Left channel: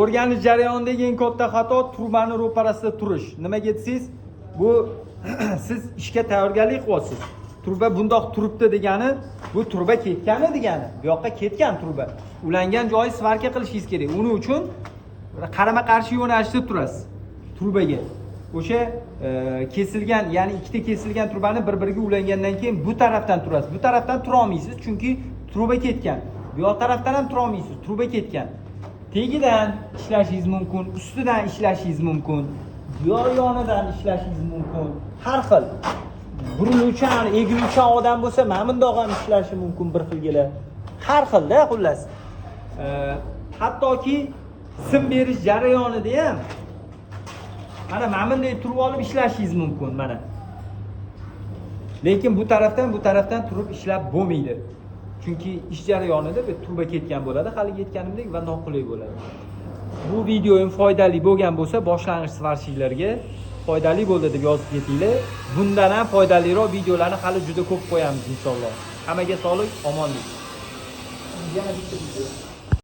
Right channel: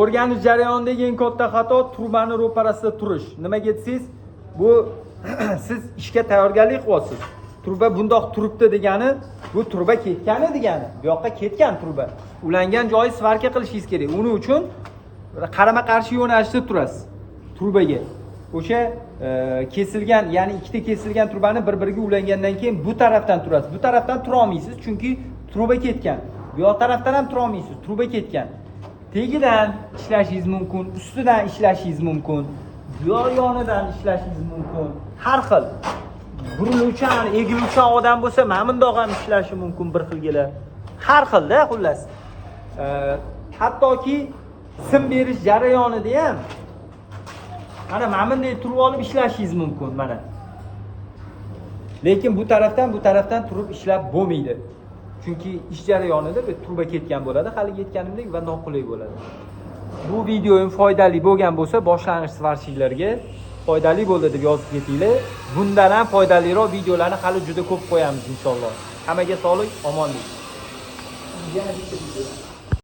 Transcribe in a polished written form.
O'rganish jarayonidagi eng katta xato trubani ro'parasida turish. Nimaga desangiz, bu siz ishga tayyorgarlik qilyapsiz. Truba bundoq turibdi degani, bu truba ketgani degani. Bu yoqqa ketgan truba. Ulangan joyi svarka qilishingiz kerak. Uning uchun qarama-qarshi yo'nalishda turasiz trubaga. O'sha kesilgan, ya'ni ikkita kesilgan trubani bir-biriga ulangandan keyin bu tarafdan turasiz. Bu tarafdan tura olmaysiz, chunki truba ketgan. Bu yoq tarafdan ham tura olmaysiz, truba ketgan. Tegidan ishlashingiz mumkin, ustidan ishlashingiz mumkin, yonidan ishlashingiz mumkin. Har xil. Burunuvchan, egiluvchan odam bo'lsa, mana bundoq ham ishlashi mumkin bir xilgalar. Har xilda, xullas. Hattoki sim berish jarayonida ham mana bunday turib olib ishlashingiz mumkin, mana. Lekin bu tarafdan turib ishlab bo'lmaydi. Chunki ish jarayonida bu truba ketgan bo'ladi, hali yetganimdek va noqulay bo'ladi. Bu videoim foydali bo'lgan bo'lsa, boshlang'ich svarshiklarga foydali bo'ldi deb yozib ketinglar. Bundan ham foydaliroq videolarni hali juda ko'p qo'yamiz inshaalloh. Hammaga sog'lik, omonlik.